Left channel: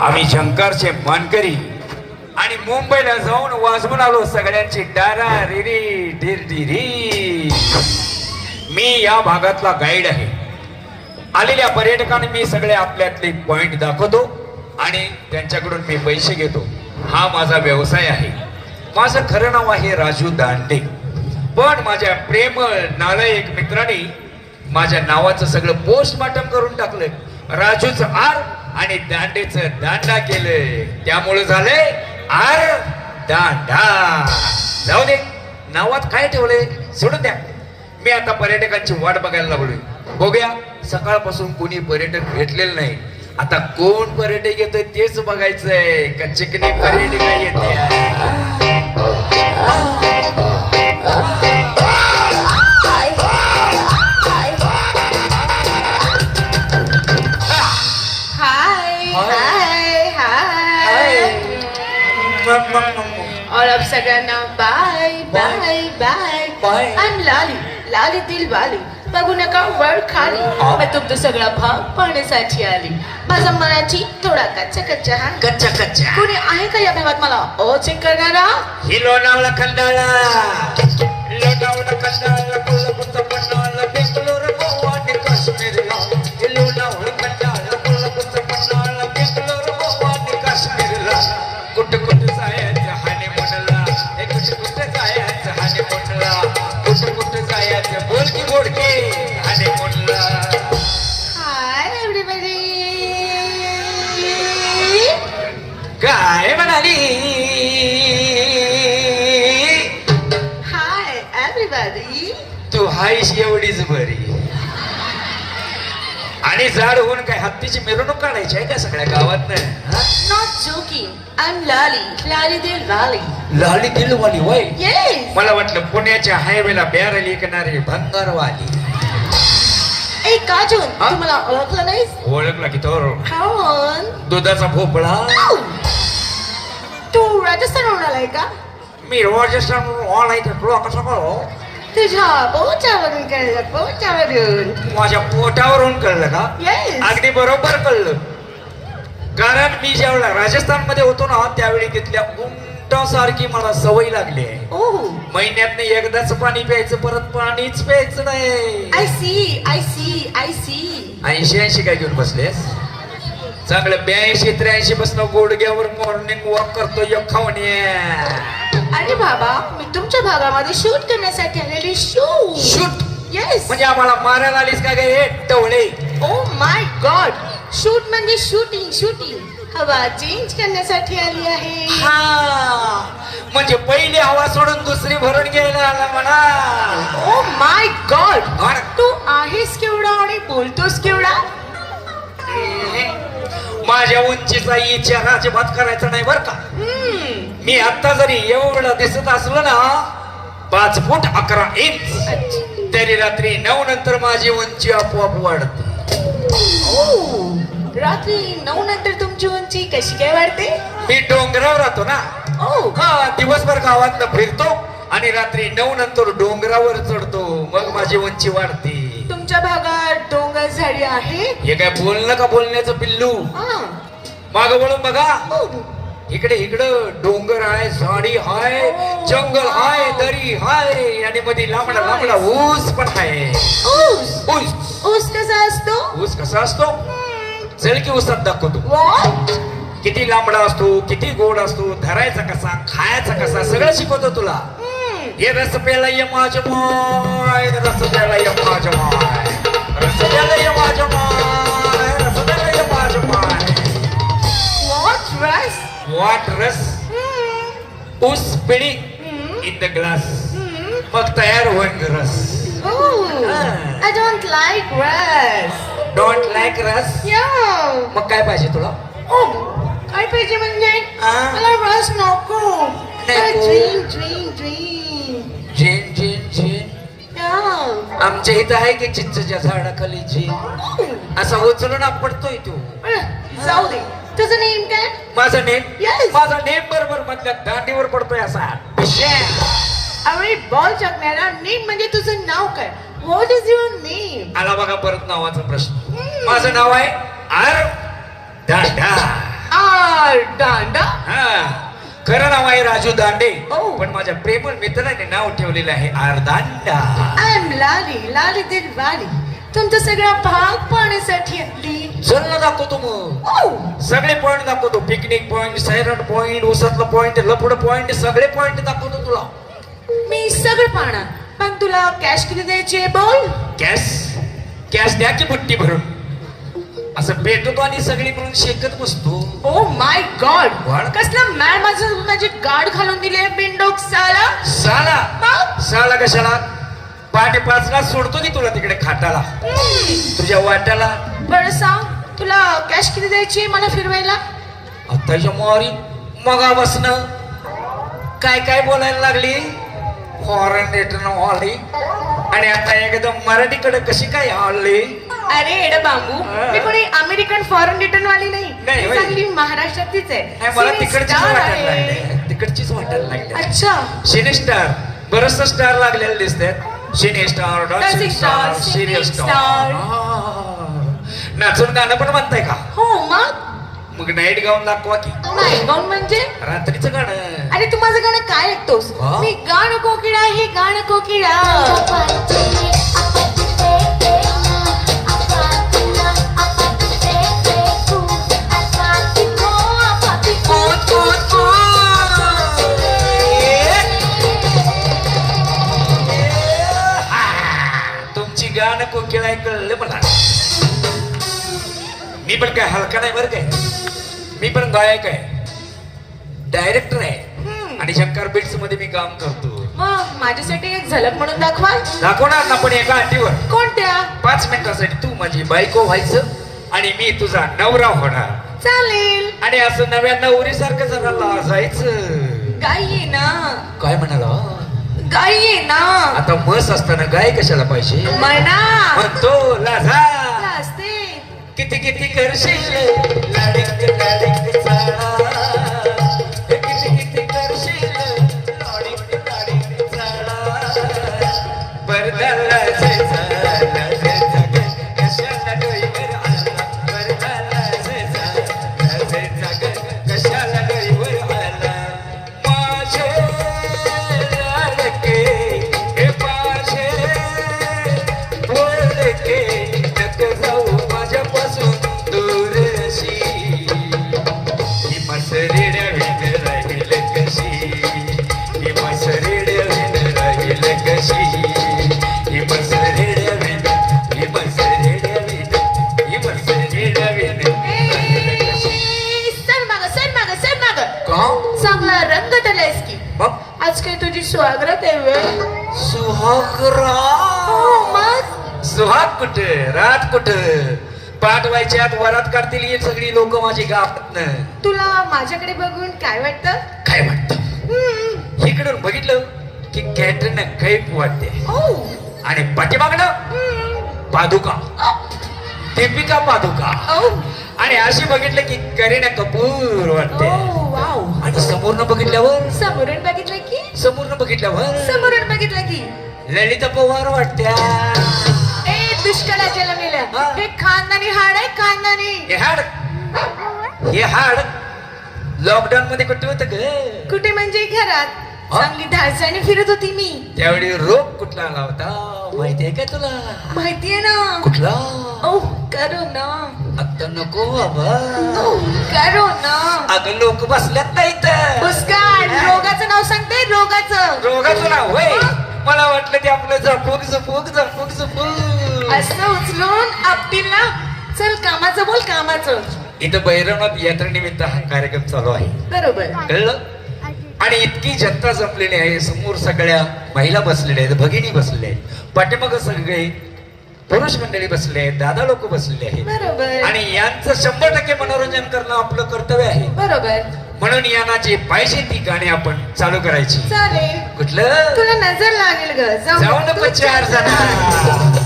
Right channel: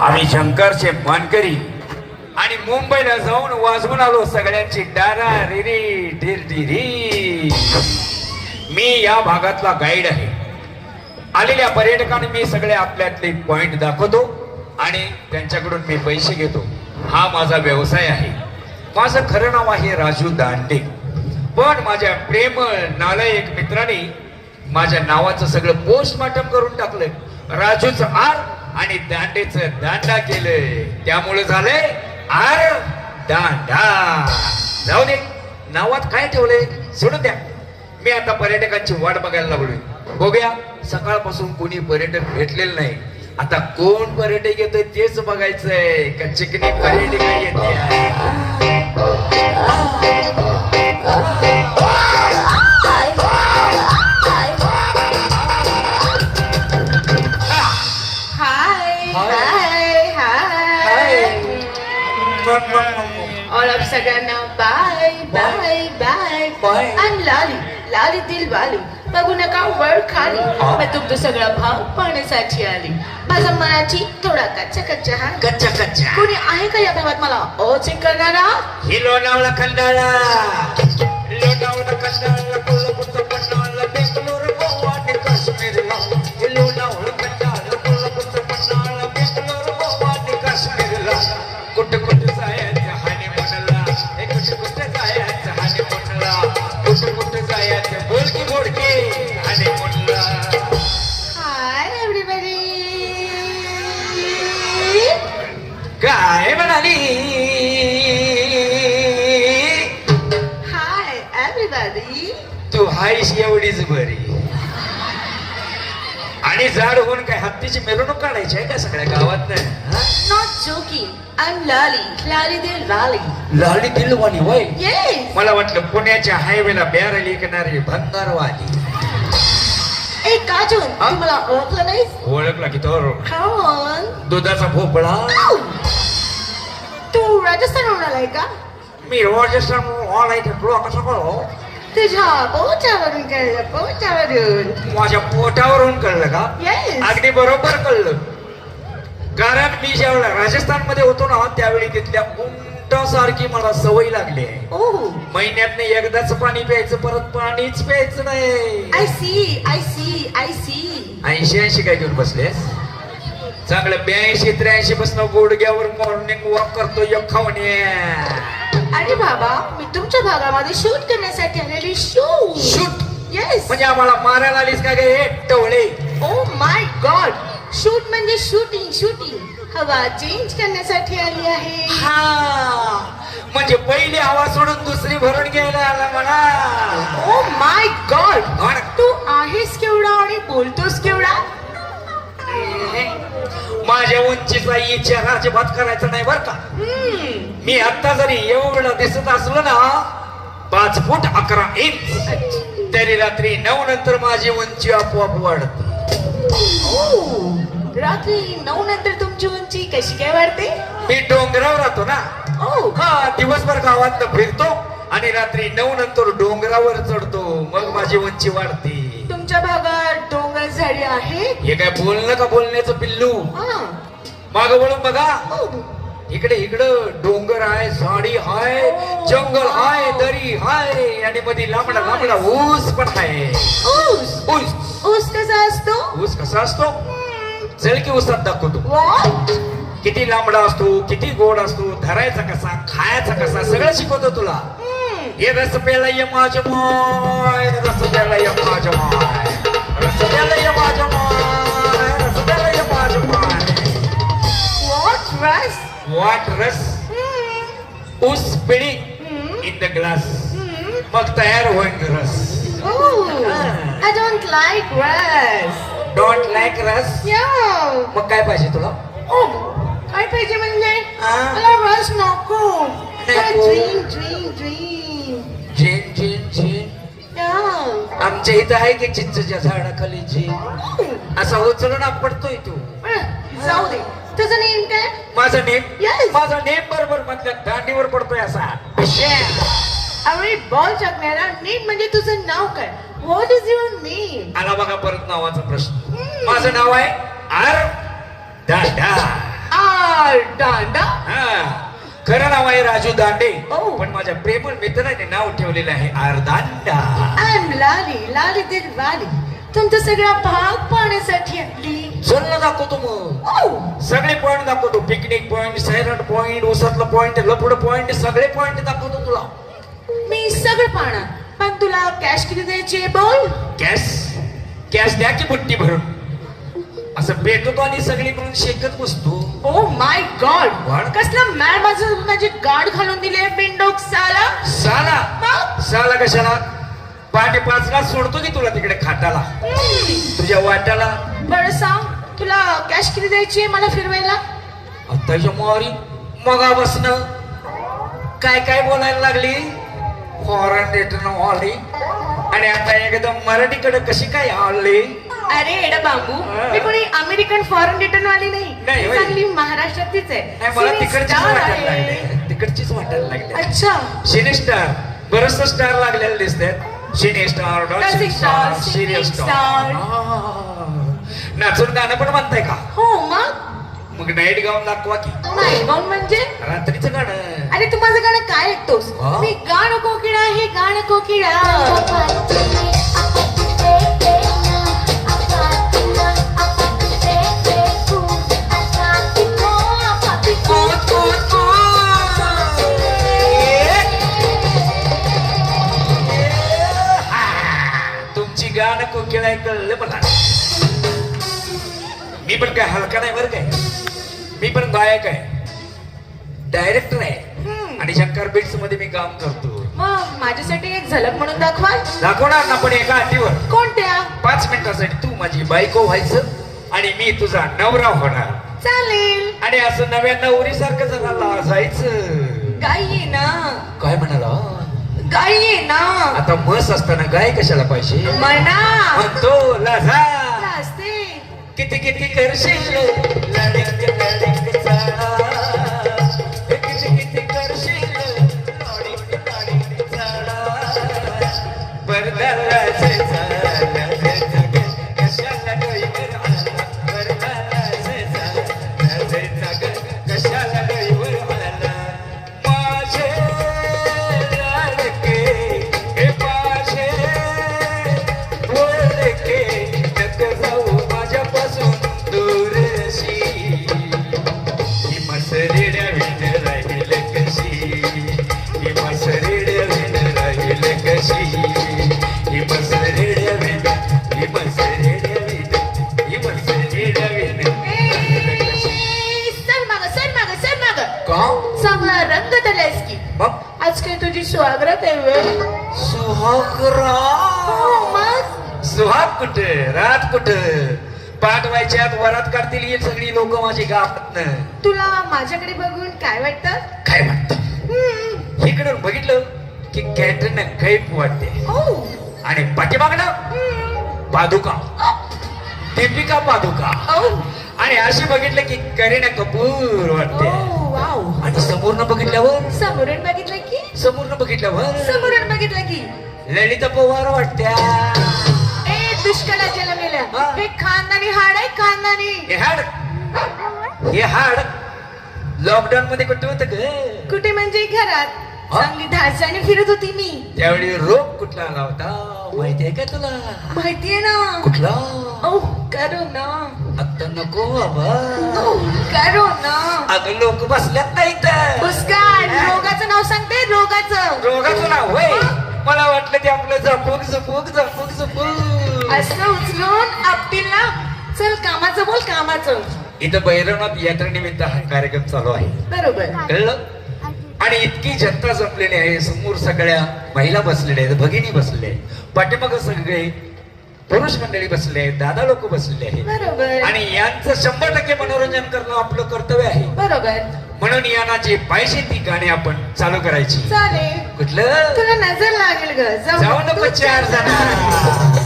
आम्ही शंकरचे मानकरी. आणि मुंबईला जाऊन वाजवून आलो सगळ्यांची डारा रिरी ढिरढिरी मी या भागातला गाईड आहे. आलेल्या पर्यटकांना मी सगळे आपल्यातले पॉइंट दाखवतो आणि त्यांच्याकडून मी पैसे घेतो. हा माझा व्यवसाय आहे. माझं खरं नाव आहे राजू दांडे. पण माझ्या प्रेम नालायक मित्राने माझ्या नावाचं सगळं पोस्टमार्टम करून टाकलं राजूचं आर आणि दांडेचं दांडा केलंय. त्यामुळे झालंय आर दांडा. जाऊ दे नावात काय ठेवलंय? सोडून द्या. मी आता पर्यटकांची वाट बघायला लागलोय. बघूया सकाळपासून कोणी पर्यटक भेटलेलं नाही. आता कोण पर्यटक येतोय तेच बघायचंय. कच्चे की नाही पर्यटक येते. अब सगळ्यांना. Bye bye bye Bye. आम लाली दिल वाली. बघू नका वर खाली. मग तुमचं सगळं भाव पाण्यासाठी आली. माझा मनाची थोडा कच्चा कच्चा हा कच्चा कच्चा. कोणी आहे का या भागात मला ओ चेक करणारा ही लोणावळा खंडाळा. लोणावळा खंडाळा कोल्हापूरचा पन्हाळा बेंगलोर गोवा आणि काश्मीरला लोणावळा खंडाळा कोल्हापूरचा पन्हाळा बेंगलोर गोवा आणि काश्मीरला कुठे कुठे? एव्हरीबडी तू हायश एवढीच बरी. आणि जाड होऊन काय हत्तीची मिरवणूक काढायची आहे का सगळ्या गावात? एम लाली वय मला वाटलं पुण्याच्या हायवेला बॅरल विकणारी भंगारवाली. तू मला ओळखलं की तर. दुधाचा भोपळा. तू राजस्थानहून आलाय का? मी राजस्थान ऑनलाईन तुला कसं कळो तुझ्या कळलं माझ्या पोटावरून कळलं का? अगदी बरोबर कळलं. कारण मी ज्यावेळेला राजस्थानमध्ये होतो ना त्यावेळी तिथल्या उंटासारखी मला सवय लागली. आहे ओ महिन्यात एकदाच पाणी प्यायचं परत पाणीच प्यायचं नाही. I see I see I see ऐंशी ऐंशी काय घेऊन बसलेस? चांगलं ब्याऐंशी त्र्याऐंशी बसणं गोडग्यावर मॉर्निंग वॉक करतो एक खाऊन ये. अरे बाबा मी तुमच्या भागामध्ये शूट करण्यासाठी आलेली शूट Shoot? येस म्हणजे आम्हाला मारायला आलीस काय गे हे? टवळे. ओ माय गॉड शूट म्हणजे शूटिंग शूटिंग हवा चेंज करण्यासाठी आली आहे. हा. म्हणजे पहिली हवा सोडून दुसरी भरून घ्यायला आला म्हणा. ओ माय गॉड तू आहेस केवढा आणि बोलतोस केवढा? माझ्या उंचीचा इच्छा अजिबात करायचा नाही बर का? मी आता जरी एवढं दिसत असलो ना पाच फूट अकरा इंच तरी रात्री नऊ नंतर माझी उंची आपोआप वाढते. रात्री नऊ नंतर तुमची उंची कशी काय वाढते? मी डोंगरावर राहतो ना. हा दिवसभर गावात फिरतो आणि रात्री नऊ नंतर डोंगरावर चढतो. मग माझी उंची वाढते. तुमच्या भागात डोंगर झाडी आहे हे काय बोलणं का बोलण्याचं पिल्लू. माग वळून बघा. इकडे इकडं डोंगर आहे झाडी आहे जंगल आहे दरी आहे. आणि मध्ये लांबडा लांबडा ऊस पण आहे. ऊस? ऊस. कसा असतो? ऊस कसा असतो? चल की ऊसात दाखवतो? किती लांबडा असतो किती गोड असतो धरायचा कसा खायचा कसा सगळं शिकवतो तुला. हे रस प्यायला ये माझ्या माय रस प्यायला ये माझ्या माय. रस प्यायला ये माझ्या वाट रस. ऊस पिढी. In the glass. मग तयार होईल रस I don't like rice. Don't like रस. मग काय पाहिजे तुला काय पाहिजे म्हणजे? मला रस नको. Dream dream dream zen zen zen. आमच्या इथं आहे की चिंचच्या झाडाखाली झेन. असा उचलून पडतोय तू जाऊ दे तुझं काय माझं नेम. माझं नेम बरोबर मधल्या दांडीवर पडतोय असा. अरे बॉल टाकणारा नेम म्हणजे तुझं नाव काय? व्हॉट इज युअर नेम आला बघा परत नावाचा प्रश्न. माझं नाव आहे आर दांडा. आरडांडा हा. खरं नाव आहे राजू दांडे. ओ. पण माझ्या प्रेमळ मित्राने नाव ठेवलेलं आहे आरदांडा आय एम लाली लाली दिल वाली तुमचा सगळा भाग पाहण्यासाठी आली चल दाखवतो मग. ओ सगळे पॉइंट दाखवतो. पिकनिक पॉइंट सैराट पॉइंट उसातलं पॉइंट लपड पॉइंट सगळे पॉइंट दाखवतो तुला. मी सगळं पाहणार. पण तुला कॅश किती द्यायचे बोल? कॅश कॅश द्या की बुट्टी भरून. असं भेटतो आणि सगळी मिळून शेकत बसतो. ओ माय गॉड? कसला मॅड माझं माझी गाड घालून दिले बिंडोक साला? साला? साला कशाला? पहाटे पाचला सोडतो की तुला तिकडे खाटाला? तुझ्या वाट्याला? बरं सांग. तुला कॅश किती द्यायची मला फिरवायला? आत्ताच्या मोरी मगा बसणं काय काय बोलायला लागली? फॉरेन रिटर्न आली आणि आता एकदम मराठीकडे कशी काय आली अरे एड बांबू मी कोणी अमेरिकन फॉरेन रिटर्न वाली नाही. नाही, मी होय. चांगली महाराष्ट्रातलीच आहे. नाही, मला Cine तिकडचीच star वाटायला आहे. लागले. तिकडचीच वाटायला लागले. अच्छा. सिने स्टार बरच स्टार लागलेले दिसतात cine star star singing star नाचून गाणं पण म्हणताय का? हो मग? मग नाईट गाऊन दाखवा की. नाही गाऊन म्हणजे? रात्रीचं गाणं. अरे तू माझं गाणं काय ऐकतोस? हा? मी गाणं कोकिळा हे गाणं कोकिळा. पण काय हलका नाही बरं काय. मी पण गायक आहे. डायरेक्टर आहे. आणि शंकर बिट्समध्ये मी काम करतो. मग माझ्यासाठी एक झलक म्हणून दाखवा. दाखवणार ना पण एका अटीवर. कोणत्या? पाच मिनिटासाठी तू माझी बायको व्हायचं आणि मी तुझा नवरा होणार. चालेल. आणि असं नव्या नवरीसारखं जरा लाजायचं. गाई ये ना. काय म्हणाला? गाई ये ना. आता बस असताना गाय कशाला पाहिजे? म्हणा म्हणतो लाजा असते किती किती करशील लाडिंग लाडिंग मग सुहाग कुठे रात कुठे पाठवायच्यात वरात काढतील ही सगळी लोक माझी गावात तुला माझ्याकडे बघून काय वाटतं? काय हम्म. इकडून बघितलं की कॅटरीना कैफ वाटते. ओ आणि पाठीमागणं. पादुका. दीपिका पादुका. ओ आणि अशी बघितलं की करीना कपूर वाटते. वाव. आणि समोरनं बघितल्यावर? समोरून बघितलं की? समोरनं बघितल्यावर? समोरून बघितलं की? ललिता पवार वाटत्या ए दुष्काळात जन्मलेल्या हा. हे खानदानी हाड आहे खानदानी. हे हाड. हे हाड. लॉकडाऊन मध्ये कुठे होत ग? कुठे म्हणजे घरात? चांगली धासाने फिरत होती मी. त्यावेळी रोग कुठला आला होता? माहितीये का तुला? माहितीये ना. कुठला? ओ करो ना आता नको बाबा. ओ करो ना अगं लोक बसल्यात नाही तर मुस्कान रोगाचं नाव सांगते रोगाचं. रोगाचं नाव होय. मला वाटलं ते आपलं झपूक झपूक झपूक झपूक असं उचलून आपटीला चल कामाचं बोल कामाचं. इथं भैरवनाथ यात्रेनिमित्त हा कार्यक्रम चालू आहे. बरोबर. कळलं? आणि इतकी जनता जमलेली आहे. समोर सगळ्या महिला बसलेल्या आहेत भगिनी बसलेल्या आहेत पाठीमाग सगळे पुरुष मंडळी बसले आहेत दादा लोक बसलेले आहेत. बरोबर. आणि यांचं शंभर टक्के मनोरंजन करणं आपलं कर्तव्य आहे. बरोबर. म्हणून यांना जे पाहिजे ती गाणी आपण चालू करायची. चालेल. कुठलं? तुला नजर लागेल ग. जाऊ नको चार जण.